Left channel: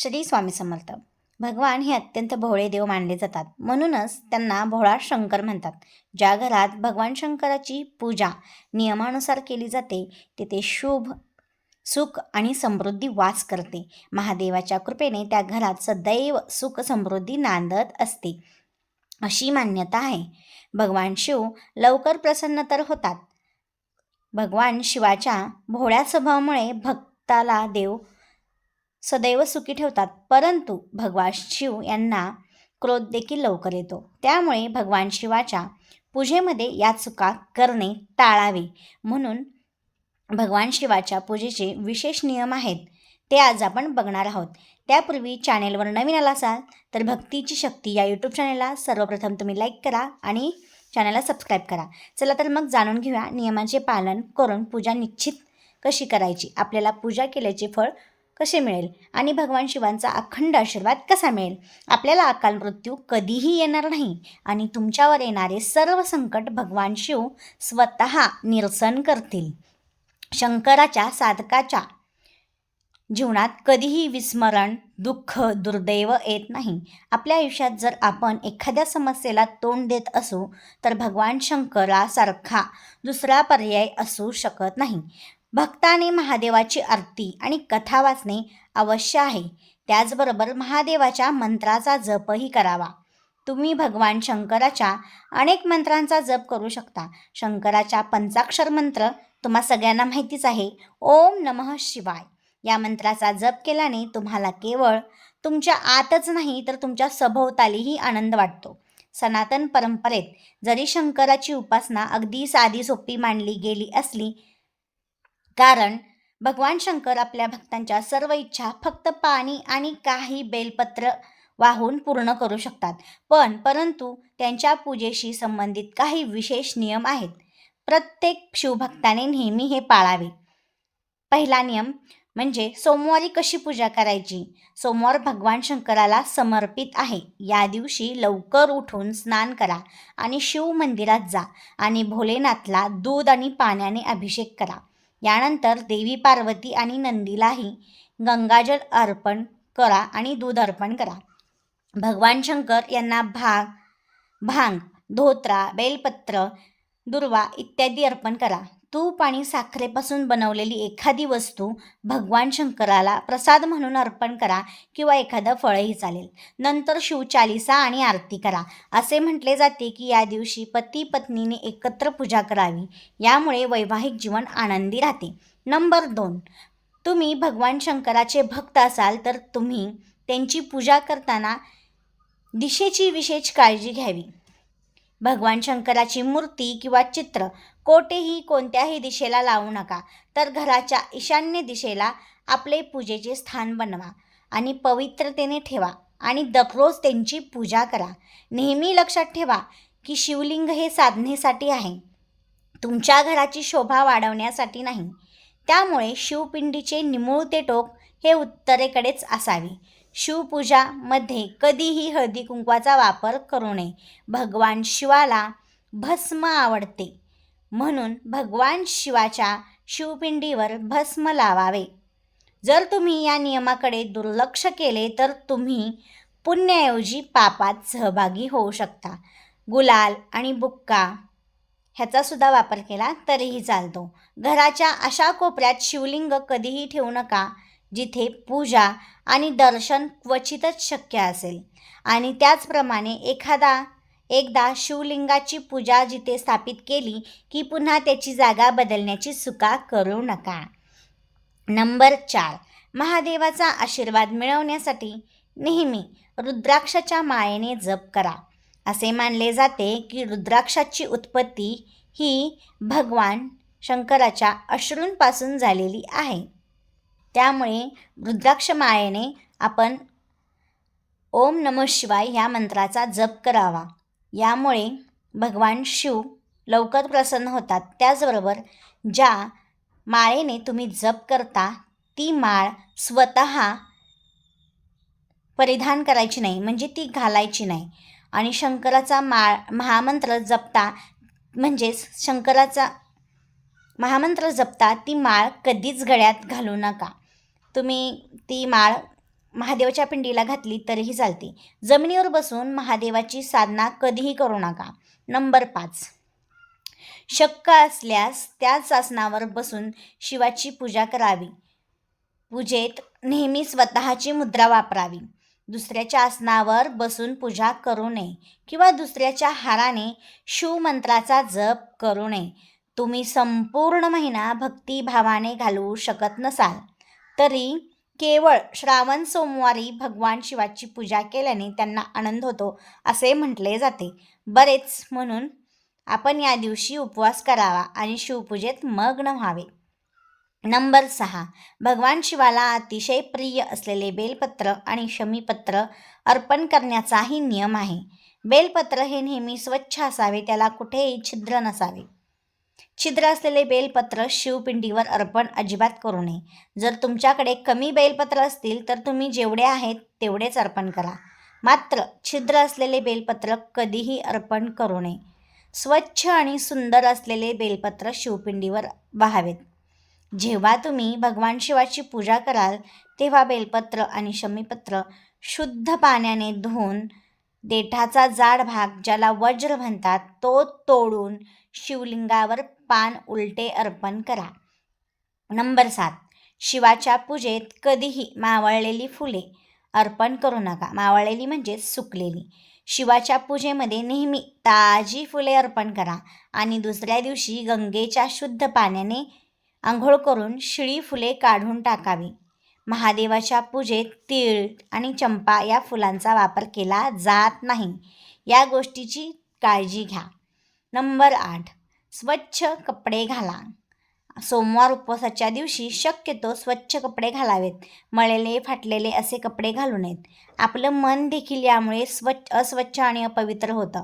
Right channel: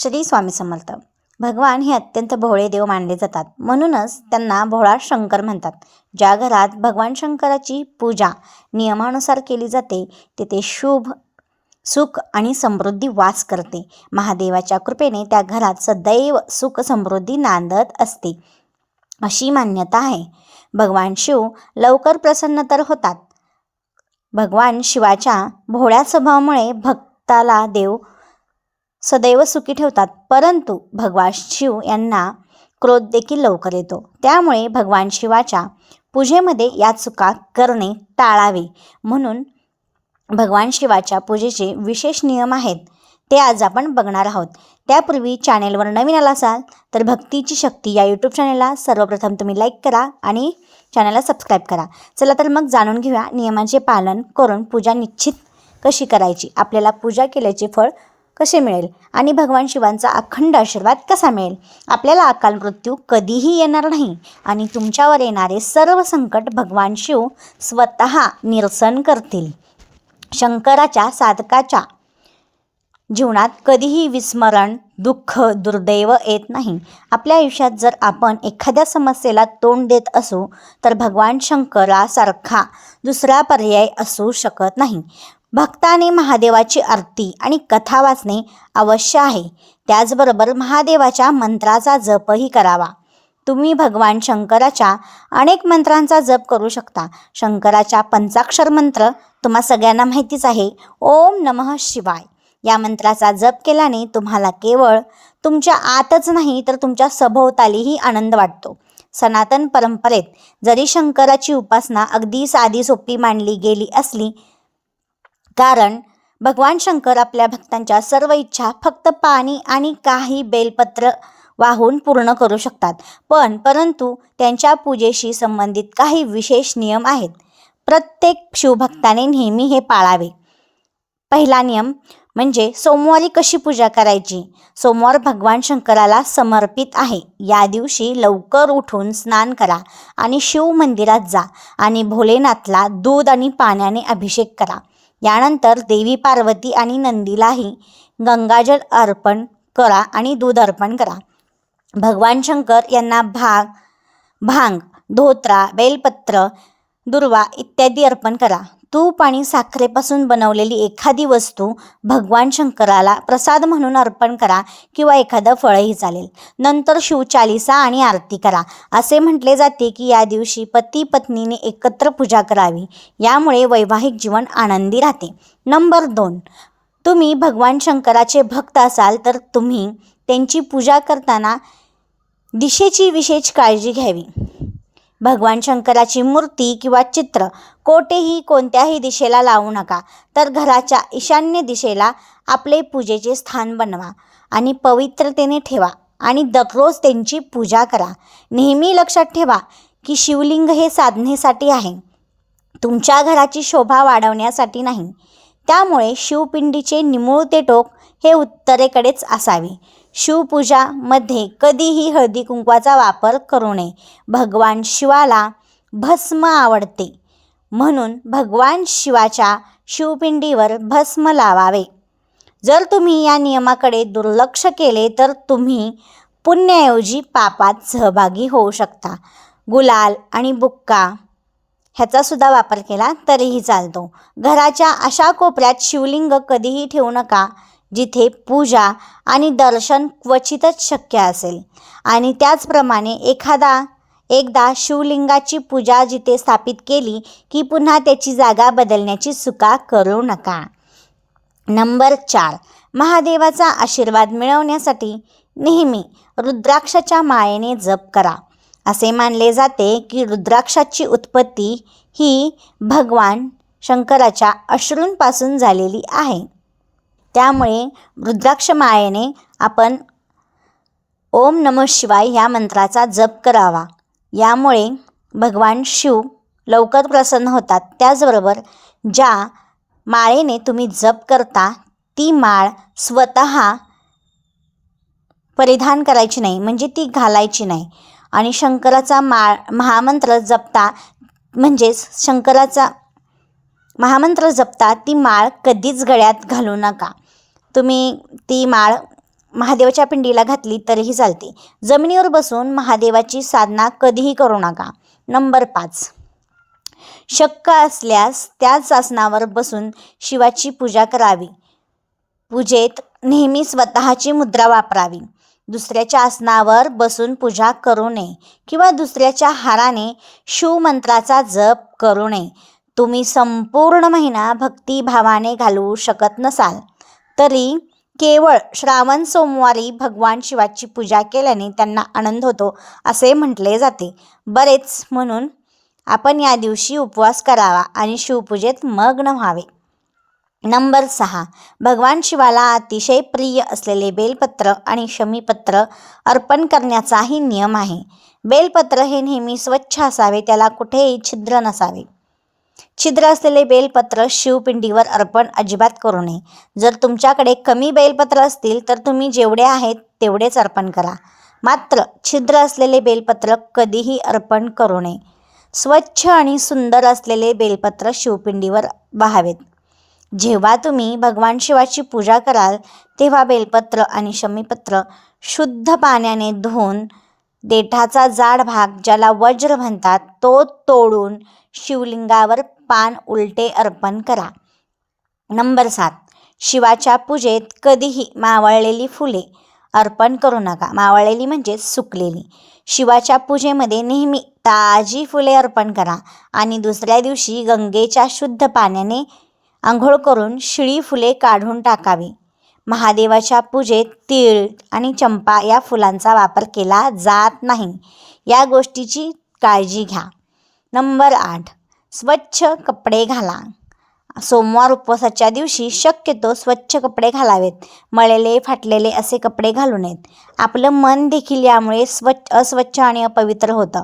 श्री स्वामी समर्थ. भगवान हे अत्यंत भोळे देव मानले जातात. म्हणूनच त्यांना भोळा शंकर म्हणतात. ज्या घरात भगवान शंकराची पूजा नियमानुसार केली जाते तिथे शुभ सुख आणि समृद्धी वास करते. महादेवाच्या कृपेने त्या घरात सदैव सुख समृद्धी नांदत असते. अशी मान्यता आहे. भगवान शिव लवकर प्रसन्न तर होतात. भगवान शिवाच्या भोळ्या स्वभावामुळे भक्ताला देव सदैव सुखी ठेवतात. परंतु भगवान शिव यांना क्रोध देखील लवकर येतो. त्यामुळे भगवान शिवाच्या पूजेमध्ये या चुका करणे टाळावे. म्हणून भगवान शिवाच्या पूजेचे विशेष नियम आहेत. ते आज आपण बघणार आहोत. त्यापूर्वी चॅनेलवर नवीन आला असाल तर भक्तीची शक्ती या यूट्यूब चॅनेलला सर्वप्रथम तुम्ही लाईक करा आणि चॅनलला सबस्क्राईब करा. चला तर मग जाणून घेऊया नियमांचे पालन करून पूजा निश्चित कशी करायची? आपल्याला पूजा केल्याचे फळ कसे मिळेल? आणि भगवान शिवांचा अखंड आशीर्वाद कसा मिळेल? आपल्याला अकाल मृत्यू कधीही येणार नाही. आणि तुमच्यावर येणारे सर्व संकट भगवान शिव स्वतः निरसन करतील. शंकराच्या साधकाच्या जीवनात कधीही विस्मरण दुःख दुर्दैव येत नाही. आपल्या आयुष्यात जर आपण एखाद्या समस्येला तोंड देत असू तर भगवान शंकरासारखा दुसरा पर्याय असू शकत नाही. भक्ताने महादेवाची आरती आणि कथा वाचणे अवश्य आहे. त्याचबरोबर महादेवाच्या मंत्राचा जपही करावा. तुम्ही भगवान शंकराच्या अनेक मंत्रांचा जप करू शकता. शंकराच्या पंचाक्षर मंत्र तुम्हा सगळ्यांना माहितीच आहे. ओम नमः शिवाय. या मंत्राचा जप केल्याने तुम्हाला केवळ तुमच्या आतच नाही तर तुमच्या सभोवतालीही आनंद वाटतो. सनातन परंपरेत जरी शंकराची उपासना अगदी साधी सोपी मानली गेली असली कारण भगवान शंकर आपल्या भक्तांच्या सर्व इच्छा फक्त पाणी आणि काही बेलपत्र वाहून पूर्ण करू शकतात. पण परंतु त्यांच्या पूजेशी संबंधित काही विशेष नियम आहेत. प्रत्येक शिवभक्ताने नेहमी हे पाळावे. पहिला नियम म्हणजे सोमवारी कशी पूजा करायची? सोमवार भगवान शंकराला समर्पित आहे. या दिवशी लवकर उठून स्नान करा आणि शिव मंदिरात जा आणि भोलेनाथला दूध आणि पाण्याने अभिषेक करा. यानंतर देवी पार्वती आणि नंदीलाही गंगाजल अर्पण करा आणि दूध अर्पण करा. भगवान शंकर यांना भाग भांग धोत्रा बेलपत्र दुर्वा इत्यादी अर्पण करा. तूप आणि साखरेपासून बनवलेली एखादी वस्तू भगवान शंकराला प्रसाद म्हणून अर्पण करा किंवा एखादं फळही चालेल. नंतर शिवचालिसा आणि आरती करा. असे म्हटले जाते की या दिवशी पती पत्नीने एकत्र पूजा करावी. यामुळे वैवाहिक जीवन आनंदी राहते. नंबर दोन. तुम्ही भगवान शंकराचे भक्त असाल तर तुम्ही त्यांची पूजा करताना दिशेची विशेष काळजी घ्यावी. भगवान शंकराची मूर्ती किंवा चित्र कोठेही कोणत्याही दिशेला लावू नका. तर घराच्या ईशान्य दिशेला आपले पूजेचे स्थान बनवा आणि पवित्रतेने ठेवा आणि दररोज त्यांची पूजा करा. नेहमी लक्षात ठेवा की शिवलिंग हे साधनेसाठी आहे. तुमच्या घराची शोभा वाढवण्यासाठी नाही. त्यामुळे शिवपिंडीचे निमुळते टोक हे उत्तरेकडेच असावे. शिवपूजामध्ये कधीही हळदी कुंकवाचा वापर करू नये. भगवान शिवाला भस्म आवडते. म्हणून भगवान शिवाच्या शिवपिंडीवर भस्म लावावे. जर तुम्ही या नियमाकडे दुर्लक्ष केले तर तुम्ही पुण्याऐवजी पापात सहभागी होऊ शकता. गुलाल आणि बुक्का ह्याचासुद्धा वापर केला तरीही चालतो. घराच्या अशा कोपऱ्यात शिवलिंग कधीही ठेवू नका. जिथे पूजा आणि दर्शन क्वचितच शक्य असेल. आणि त्याचप्रमाणे एखादा एकदा शिवलिंगाची पूजा जिथे स्थापित केली की पुन्हा त्याची जागा बदलण्याची चुका करू नका. नंबर चार. महादेवाचा आशीर्वाद मिळवण्यासाठी नेहमी रुद्राक्षाच्या मायेने जप करा. असे मानले जाते की रुद्राक्षाची उत्पत्ती ही भगवान शंकराच्या अश्रूंपासून झालेली आहे. त्यामुळे रुद्राक्ष मायेने आपण ओम नम शिवाय ह्या मंत्राचा जप करावा. यामुळे भगवान शिव लवकर प्रसन्न होतात. त्याचबरोबर ज्या माळेने तुम्ही जप करता ती माळ स्वतः परिधान करायची नाही म्हणजे ती घालायची नाही. आणि शंकराचा माळ महामंत्र जपता म्हणजेच शंकराचा महामंत्र जपता ती माळ कधीच गळ्यात घालू नका. तुम्ही ती माळ महादेवाच्या पिंडीला घातली तरीही चालते. जमिनीवर बसून महादेवाची साधना कधीही करू नका. नंबर पाच. शक्य असल्यास त्याच आसनावर बसून शिवाची पूजा करावी. पूजेत नेहमी स्वतःची मुद्रा वापरावी. दुसऱ्याच्या आसनावर बसून पूजा करू नये किंवा दुसऱ्याच्या हाराने शिवमंत्राचा जप करू नये. तुम्ही संपूर्ण महिना भक्तिभावाने घालवू शकत नसाल तरी केवळ श्रावण सोमवारी भगवान शिवाची पूजा केल्याने त्यांना आनंद होतो असे म्हटले जाते. बरेच म्हणून आपण या दिवशी उपवास करावा आणि शिवपूजेत मग्न व्हावे. नंबर सहा. भगवान शिवाला अतिशय प्रिय असलेले बेलपत्र आणि शमीपत्र अर्पण करण्याचाही नियम आहे. बेलपत्र हे नेहमी स्वच्छ असावे त्याला कुठेही छिद्र नसावे. छिद्र असलेले बेलपत्र शिवपिंडीवर अर्पण अजिबात करू नये. जर तुमच्याकडे कमी बेलपत्र असतील तर तुम्ही जेवढे आहेत तेवढेच अर्पण करा. मात्र छिद्र असलेले बेलपत्र कधीही अर्पण करू नये. स्वच्छ आणि सुंदर असलेले बेलपत्र शिवपिंडीवर वाहावेत. जेव्हा तुम्ही भगवान शिवाची पूजा कराल तेव्हा बेलपत्र आणि शमीपत्र शुद्ध पाण्याने धुवून देठाचा जाड भाग ज्याला वज्र म्हणतात तो तोडून शिवलिंगावर पान उलटे अर्पण करा. नंबर सात. शिवाच्या पूजेत कधीही मावळलेली फुले अर्पण करू नका. मावळलेली म्हणजे सुकलेली. शिवाच्या पूजेमध्ये नेहमी ताजी फुले अर्पण करा आणि दुसऱ्या दिवशी गंगेच्या शुद्ध पाण्याने आंघोळ करून शिळी फुले काढून टाकावी. महादेवाच्या पूजेत तीळ आणि चंपा या फुलांचा वापर केला जात नाही. या गोष्टीची काळजी घ्या. नंबर आठ. स्वच्छ कपडे घाला. सोमवार उपवासाच्या दिवशी शक्यतो स्वच्छ कपडे घालावेत. मळलेले फाटलेले असे कपडे घालू नयेत. आपलं मन देखील यामुळे स्वच्छ अस्वच्छ आणि अपवित्र होतं.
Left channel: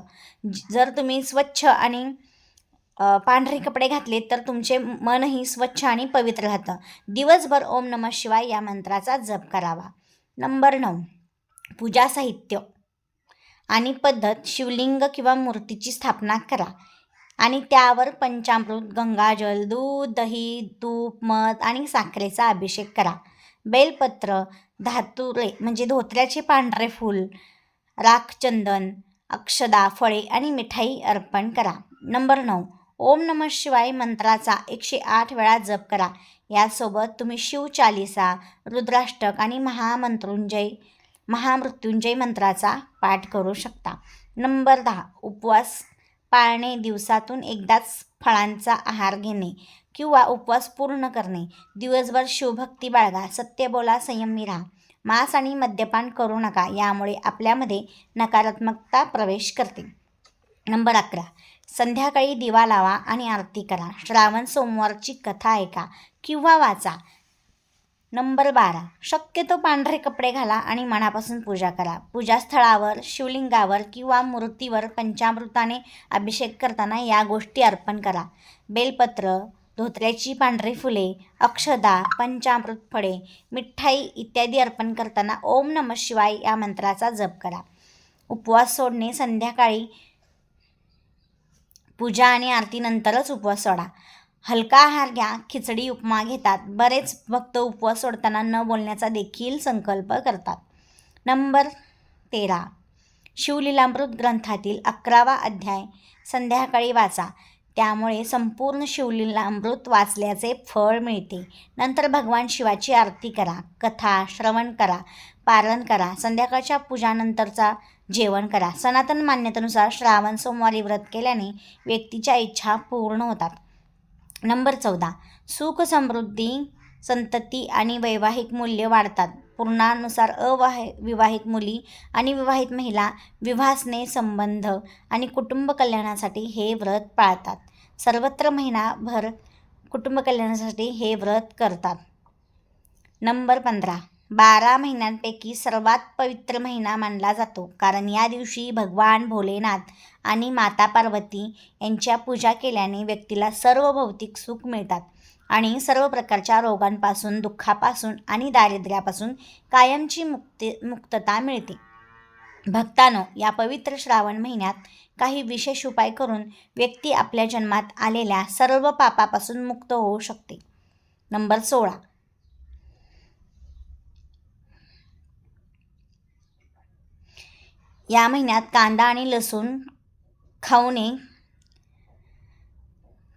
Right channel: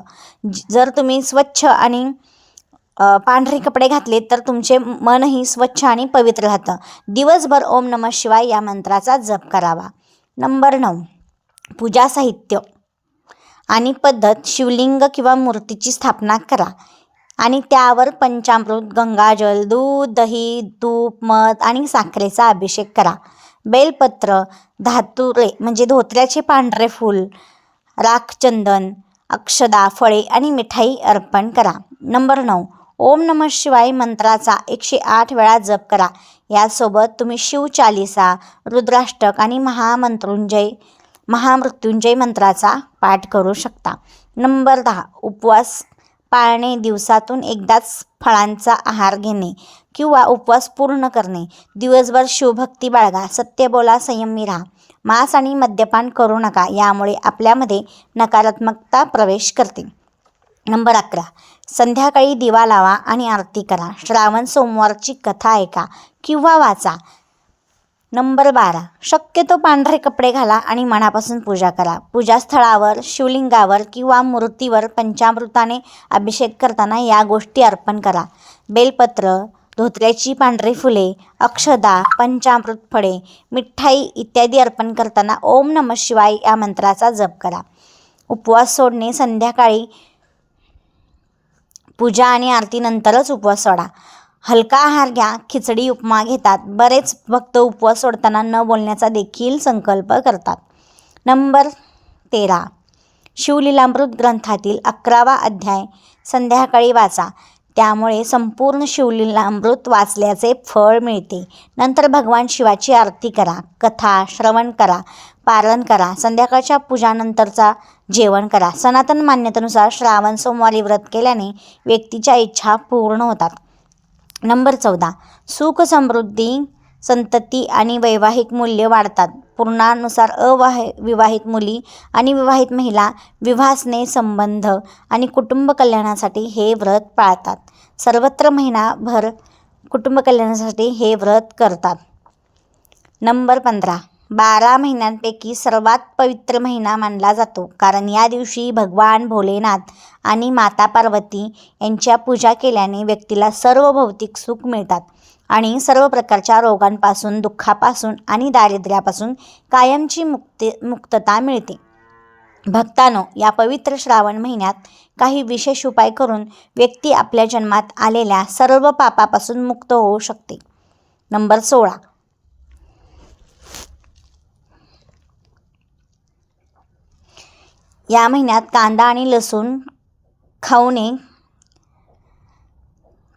जर तुम्ही स्वच्छ आणि पांढरे कपडे घातले तर तुमचे मनही स्वच्छ आणि पवित्र राहतं. दिवसभर ओम नमः शिवाय या मंत्राचा जप करावा. नंबर नऊ. पूजा साहित्य. आणि पद्धत शिवलिंग किंवा मूर्तीची स्थापना करा. आणि त्यावर पंचामृत गंगाजल दूध दही तूप मध आणि साखरेचा अभिषेक करा. बेलपत्र धातुरे म्हणजे धोत्र्याचे पांढरे फूल राखचंदन अक्षदा फळे आणि मिठाई अर्पण करा. नंबर नऊ. ओम नम शिवाय मंत्राचा एकशे आठ वेळा जप करा. यासोबत तुम्ही शिवचालिसा रुद्राष्टक आणि महामंत्रुंजय महामृत्युंजय मंत्राचा पाठ करू शकता. नंबर दहा. उपवास पाळणे दिवसातून एकदाच फळांचा आहार घेणे किंवा उपवास पूर्ण करणे. दिवसभर शिवभक्ती बाळगा सत्य बोला संयमी राहा. मांस आणि मद्यपान करू नका यामुळे आपल्यामध्ये नकारात्मकता प्रवेश करते. नंबर अकरा. संध्याकाळी दिवा लावा आणि आरती करा. श्रावण सोमवारची कथा ऐका किंवा वाचा. नंबर बारा. शक्यतो पांढरे कपडे घाला आणि मनापासून पूजा करा. पूजास्थळावर शिवलिंगावर किंवा मूर्तीवर पंचामृताने अभिषेक करताना या गोष्टी अर्पण करा. बेलपत्र धोत्र्याची पांढरी फुले अक्षदा पंचामृत फळे मिठाई इत्यादी अर्पण करताना ओम नम शिवाय या मंत्राचा जप करा. उपवास सोडणे संध्याकाळी पूजा आणि आरतीनंतरच उपवास सोडा. हलका आहार घ्या खिचडी उपमा घेतात. बरेच भक्त उपवास सोडताना न बोलण्याचा देखील संकल्प करतात. नंबर तेरा. शिवलीलामृत ग्रंथातील अकरावा अध्याय संध्याकाळी वाचा. त्यामुळे संपूर्ण शिवलीलामृत वाचल्याचे फळ मिळते. नंतर भगवान शिवाची आरती करा कथा श्रवण करा पारण करा संध्याकाळच्या पूजानंतरचा जेवण करा. सनातन मान्यतेनुसार श्रावण सोमवारी व्रत केल्याने व्यक्तीच्या इच्छा पूर्ण होतात. नंबर चौदा. सुख समृद्धी संतती आणि वैवाहिक मूल्य वाढतात. पूर्णानुसार अवाह विवाहित मुली आणि विवाहित महिला विवासने संबंध आणि कुटुंब कल्याणासाठी हे व्रत पाळतात. सर्वत्र महिनाभर कुटुंब कल्याणासाठी हे व्रत करतात. नंबर पंधरा. बारा महिन्यांपैकी सर्वात पवित्र महिना मानला जातो. कारण या दिवशी भगवान भोलेनाथ आणि माता पार्वती यांच्या पूजा केल्याने व्यक्तीला सर्व भौतिक सुख मिळतात आणि सर्व प्रकारच्या रोगांपासून दुःखापासून आणि दारिद्र्यापासून कायमची मुक्ती मुक्तता मिळते. भक्तानो या पवित्र श्रावण महिन्यात काही विशेष उपाय करून व्यक्ती आपल्या जन्मात आलेल्या सर्व पापापासून मुक्त होऊ शकते. नंबर सोळा. या महिन्यात कांदा आणि लसूण खाऊ नये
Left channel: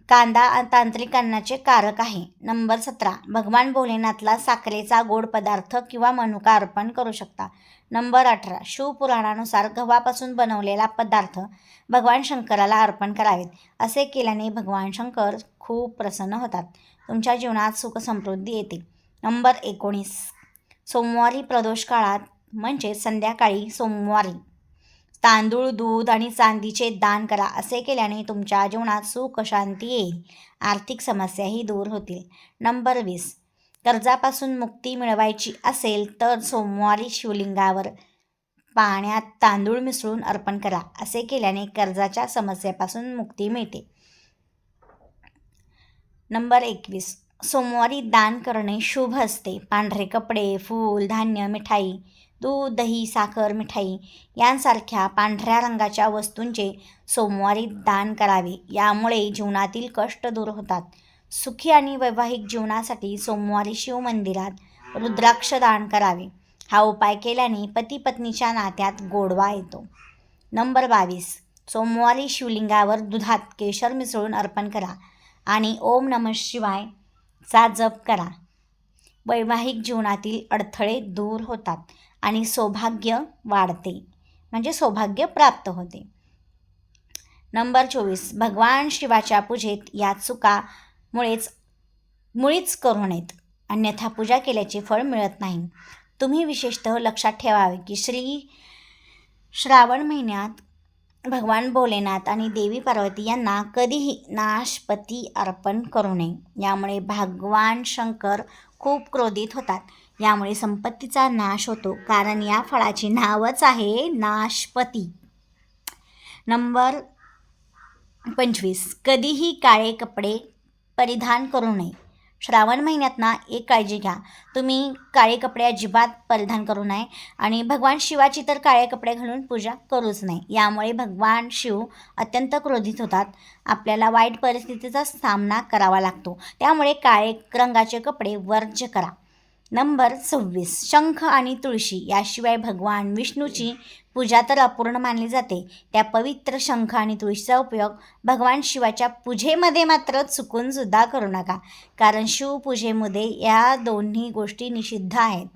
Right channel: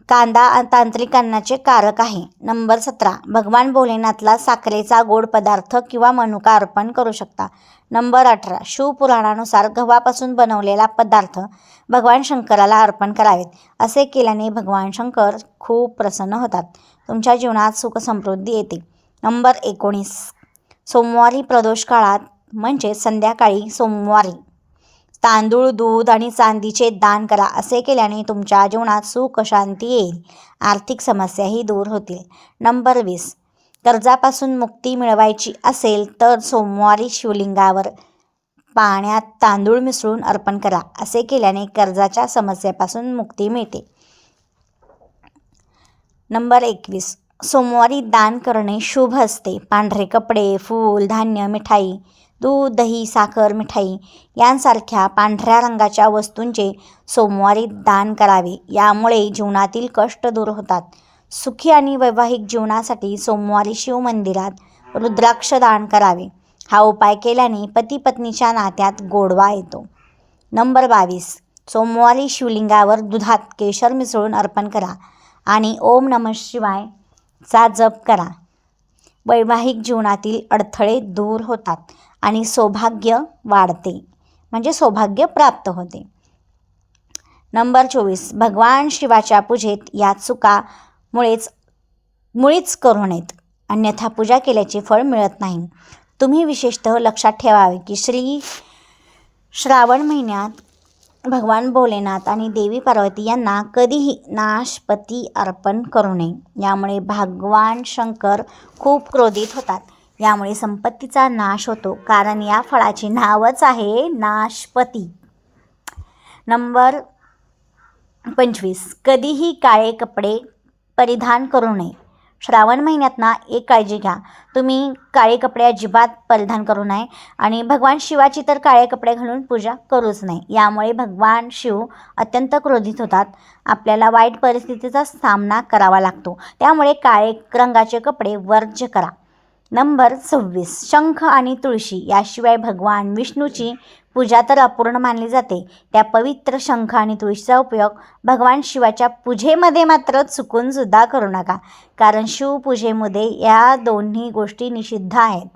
कांदा तांत्रिक अन्नाचे कारक आहे. नंबर सतरा. भगवान भोलेनाथला साखरेचा गोड पदार्थ किंवा मनुका अर्पण करू शकता. नंबर अठरा. शिवपुराणानुसार गव्हापासून बनवलेला पदार्थ भगवान शंकराला अर्पण करावेत. असे केल्याने भगवान शंकर खूप प्रसन्न होतात. तुमच्या जीवनात सुख समृद्धी येते. नंबर एकोणीस. सोमवारी प्रदोष काळात म्हणजे संध्याकाळी सोमवारी तांदूळ दूध आणि चांदीचे दान करा असे केल्याने तुमच्या जीवनात सुख शांती येईल. आर्थिक समस्याही दूर होतील. नंबर वीस. कर्जापासून मुक्ती मिळवायची असेल तर सोमवारी शिवलिंगावर पाण्यात तांदूळ मिसळून अर्पण करा असे केल्याने कर्जाच्या समस्येपासून मुक्ती मिळते. नंबर एकवीस. सोमवारी दान करणे शुभ असते. पांढरे कपडे फूल धान्य मिठाई दूध दही साखर मिठाई यांसारख्या पांढऱ्या रंगाच्या वस्तूंचे सोमवारी दान करावे. यामुळे जीवनातील कष्ट दूर होतात. सुखी आणि वैवाहिक जीवनासाठी सोमवारी शिवमंदिरात रुद्राक्ष दान करावे. हा उपाय केल्याने पती पत्नीच्या नात्यात गोडवा येतो. नंबर बावीस. सोमवारी शिवलिंगावर दुधात केशर मिसळून अर्पण करा आणि ओम नम शिवाय चा जप करा. वैवाहिक जीवनातील अडथळे दूर होतात. आणि सौभाग्य वाढते. म्हणजे सौभाग्य प्राप्त होते. नंबर चोवीस. भगवान शिवाच्या पूजेत या चुकामुळेच मुळीच करू नयेत. अन्यथा पूजा केल्याचे फळ मिळत नाही. तुम्ही विशेषतः लक्षात ठेवावे की श्री श्रावण महिन्यात भगवान भोलेनाथ आणि देवी पार्वती यांना कधीही नाशपती अर्पण करू नये. यामुळे भगवान शंकर खूप क्रोधित होतात. यामुळे संपत्तीचा नाश होतो. कारण या फळाचे नावच आहे नाशपती. नंबर पंचवीस. कधीही काळे कपडे परिधान करू नये. श्रावण महिन्यात ना एक काळजी घ्या. तुम्ही काळे कपडे अजिबात परिधान करू नये आणि भगवान शिवाची तर काळे कपडे घालून पूजा करूच नाही यामुळे भगवान शिव अत्यंत क्रोधित होतात. आपल्याला वाईट परिस्थितीचा सामना करावा लागतो. त्यामुळे काळे रंगाचे कपडे वर्ज्य करा. नंबर सव्वीस. शंख आणि तुळशी याशिवाय भगवान विष्णूची पूजा तर अपूर्ण मानली जाते. त्या पवित्र शंख आणि तुळशीचा उपयोग भगवान शिवाच्या पूजेमध्ये मात्र चुकूनसुद्धा करू नका. कारण शिवपूजेमध्ये या दोन्ही गोष्टी निषिद्ध आहेत.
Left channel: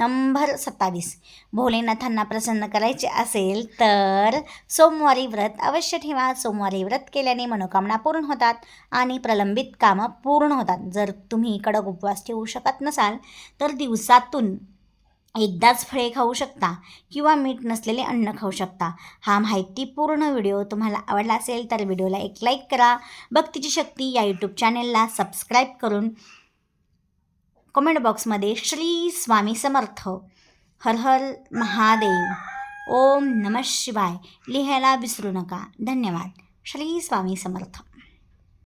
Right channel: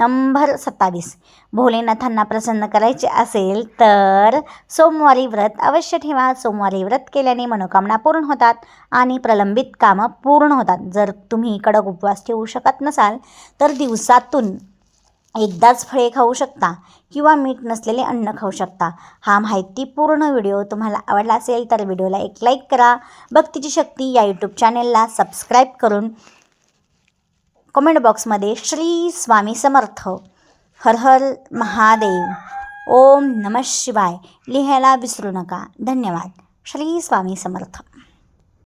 नंबर सत्तावीस. भोलेनाथांना प्रसन्न करायचे असेल तर सोमवारी व्रत अवश्य ठेवा. सोमवारी व्रत केल्याने मनोकामना पूर्ण होतात आणि प्रलंबित कामं पूर्ण होतात. जर तुम्ही कडक उपवास ठेवू शकत नसाल तर दिवसातून एकदाच फळे खाऊ शकता किंवा मीठ नसलेले अन्न खाऊ शकता. हा माहितीपूर्ण व्हिडिओ तुम्हाला आवडला असेल तर व्हिडिओला एक लाईक करा. भक्तीची शक्ती या यूट्यूब चॅनेलला सबस्क्राईब करून कमेंट बॉक्समध्ये श्री स्वामी समर्थ हर हर महादेव. ओम नम शिवाय. लिहायला विसरू नका. धन्यवाद. श्री स्वामी समर्थ.